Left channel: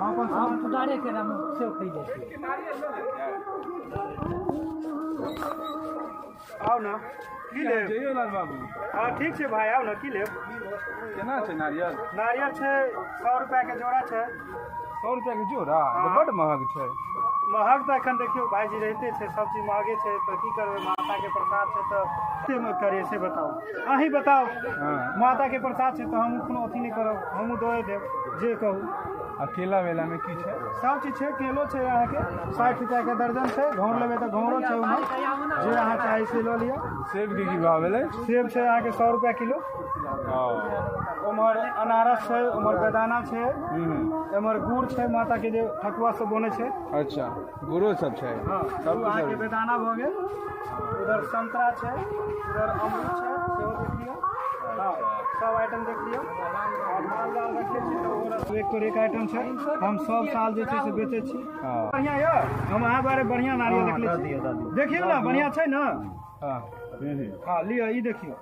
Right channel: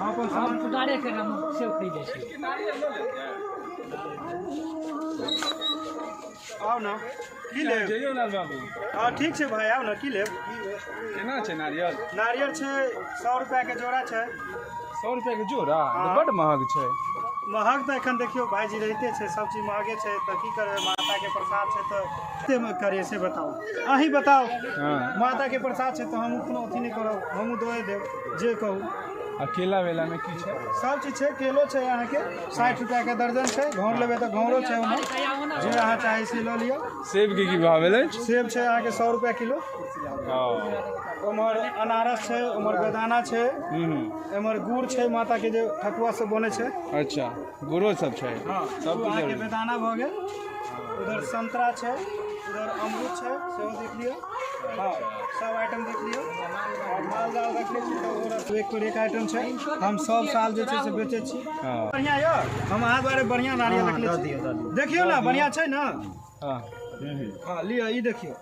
हम पुदारे के हम सेव खरीदे छी। आओ ना की ले जइयो लाल बाबू। हां ठीक छै भाई, आओ ना की ले। केना छै नारियल? नारियल छै 100 रुपया के जोड़ा छै। 100 रुपया के जोड़ा? बड़ महग छै। महग तऽ एखन देखियो भाईजी रहिते छै, सब चीज महगे छै तऽ की करबै, माता के प्रसाद छै तऽ कते करिए से बताओ, अहीं बताओ। माता के प्रसाद छै तऽ हम कोनो अथी नहीं करब, हम दए देब जे कहू। अकेला वेला में की छै? सब चीज छै, केलो छै यहाँ के 60 रुपया के दर्जन छै, घौर लेबै तऽ घौरो छै उमहर, जे अहाँ चाही से लऽ लियो। सेब के की भाव भेलै? सेब छै अहाँ के 100 रुपया किलो। उमहर अनारस छै, उमहर बेदाना छै, एमहर गुड़ छै, माता के जे ठकुआ सब बने छै। अच्छा, गुड़ो सब छै। सब अहाँ के बेदाना भऽ गेल। उधर संतरा छै, उधर अमरूद छै, सेहो देख लियो। हाँ, सब आइटम देख लियो। और माल जाल रखले छी तऽ एक पर एक आइटम छै, हम सब साल जे छै से बेचै छी। बढ़िया यो, हम अहाँ बारे बढ़िया नारियल रखले छी, देखियो ना बढ़िया छै ना। हां लियो, ई देखियो।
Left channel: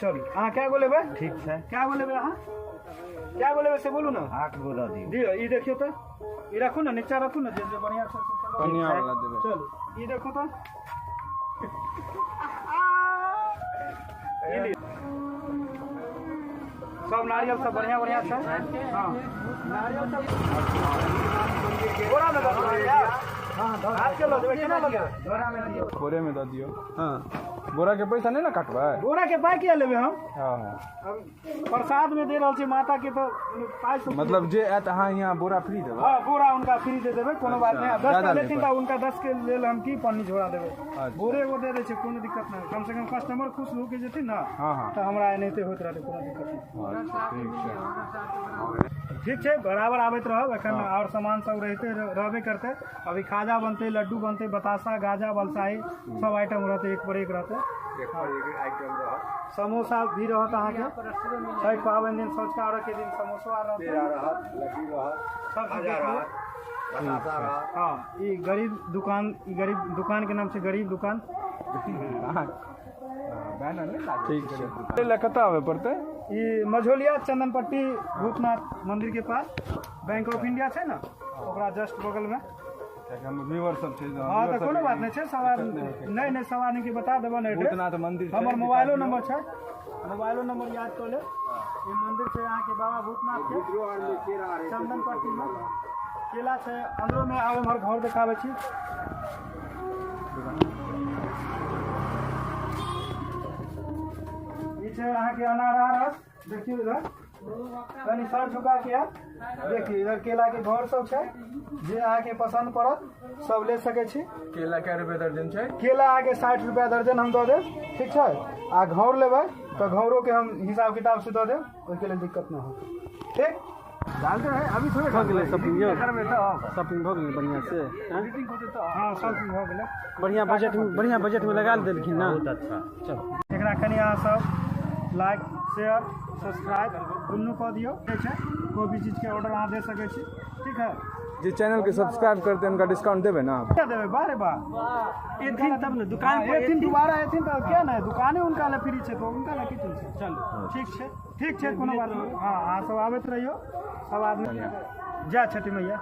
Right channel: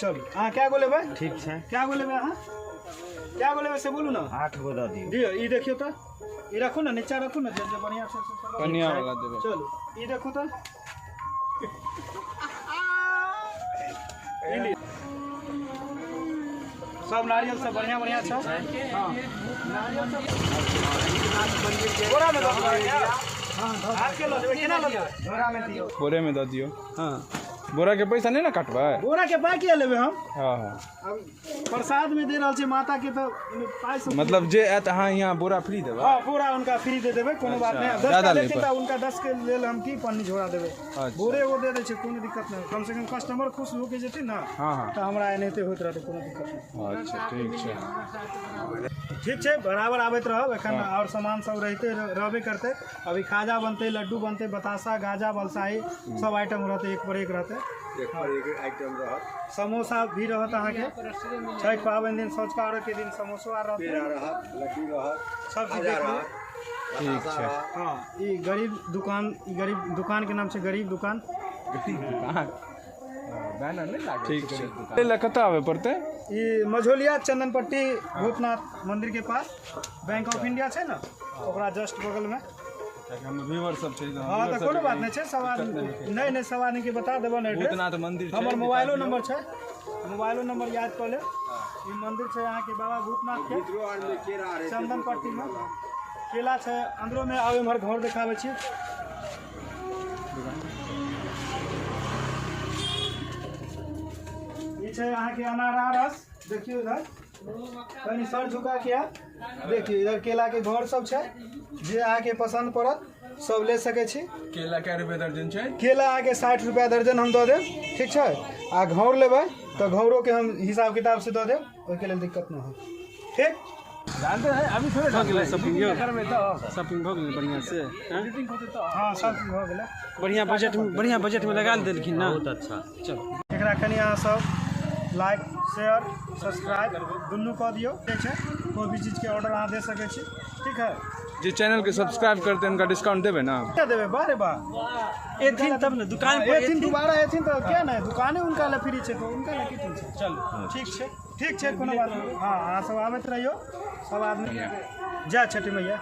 चल अहाँ क्या गो लेबै? ठीक छै, क्या गो लेबै अहाँ? क्या गो लेबै से बोलू ना। 8 गो दऽ दियौ। दियो, ई देखियो तो, ई रखू ना, नीचा रखू ना, जे बढ़िया छै से कन्या वाला देबै। चल ई देखो तो, सब नारियल सब बढ़िया बढ़िया छै। हां नारियल सब बोरा में दऽ दियौ यार। हां हाथ के लो देबै, केना लो देबै? बोरा में दियो। बोरे में दऽ दियो। हां बोरा के पैसा नहीं ना काटबै? बोरा के पाई किया लेबै हम? हां अब प्रसाद में दे रहल छी माता के, तो पाई से मतलब जे आत अहाँ यहाँ बोरा फ्री देबै? हां बोरा उनका फ्री दे देबै, कोनो बात नहीं। 10 का लेकिन त उनका 10 के लेल हम की पन्नी झोरा देबै, बोरे वो दे दै छै, कोनो दिक्कत नहीं। कम से कम कस्टमर खुश हो के जेतै ना। हां तो हमरा एनाहिते होइत रहतै, कोनो दिक्कत नहीं। अच्छा ठीक छै। ठीक छै, बराबर आबैत रहब एखन, और सामान सब रहते रहबे करते। अभी खाजा बनते, लड्डू बनते, बतासा, गाजा, बलसाही सब आइटम रहते, एक पर एक रहते। आइटम रहत, समोसा भी रहत अहाँ के, छठ पाबनि दिन सँझुका अर्घ के दिन समोसा रहत, लड्डू रहत, सब चीज देखियो। ठीक छै। हां ई गरीब दुकान के नाम छै गरीब दुकान। बैनर नहीं लागे? ठीक छै। ले कतऽ आवे पड़तै? ई मझोलिया चंदनपट्टी भूतनाथ मंदिर के पास बैंक ऑफ इंडिया छै ना, ओकरा जस्ट बगल में। व्यूअर सब छै। हां तो कोनो बात नहीं छै, सब आदमी नहीं सब आदमी के बता देबो ना। भूतनाथ मंदिर छै, हमर मोबाइलो नंबर छै, मोबाइलो नंबर याद कर ले। ई मंदिर छै यहाँ के बाबा भूतनाथ के चंदनपट्टी में। केला छै अंदरो में, आबे हमर घर देखाबै छी। ई छै अहाँ के अनारस, देखियो इधर कनी सर झुका के देखियो, इधर केला के घर सब छै, जे अहाँ के पसंद पड़त सब ले सके छी। केला कै रुपए दर्जन छै? केला केला आके 60 रुपया दर्जन हम दऽ देब, ठीक छै। आ घौर लेबै तऽ घौरो के हम हिसाब किताब से दऽ देब, ओहि के लेल दिक्कत ना हो, ठीक। जानते हैं अभी थोड़े हो गेलै शॉपिंग यो? घर में तो शॉपिंग भऽ गेलै बढ़िया से? हाँ सब चीज भऽ गेलै, बढ़िया बजट में लगा देलखिन ना। बहुत अच्छा। चलो एकरा कनी अहाँ सब लाइक शेयर सब्सक्राइब दुनू कऽ दियौ, ठीक छै। कोई भी चीज के ऑर्डर अहाँ दे सकै छी, ठीक है। जो चैनल के सब्सक्राइब करते हैं उनका डिस्काउंट देवे ना? देबै बारे बार एथिन तब ने दुकान पर एथिन, दोबारा एथिन तऽ क्या ना, दुकाने उनका ले फ्री छै तो उनका ले की छै। चल ठीक छै कोनो बात नहीं। हाँ अहाँ सब आबैत रहियो, सब आदमी जय छठी मैया।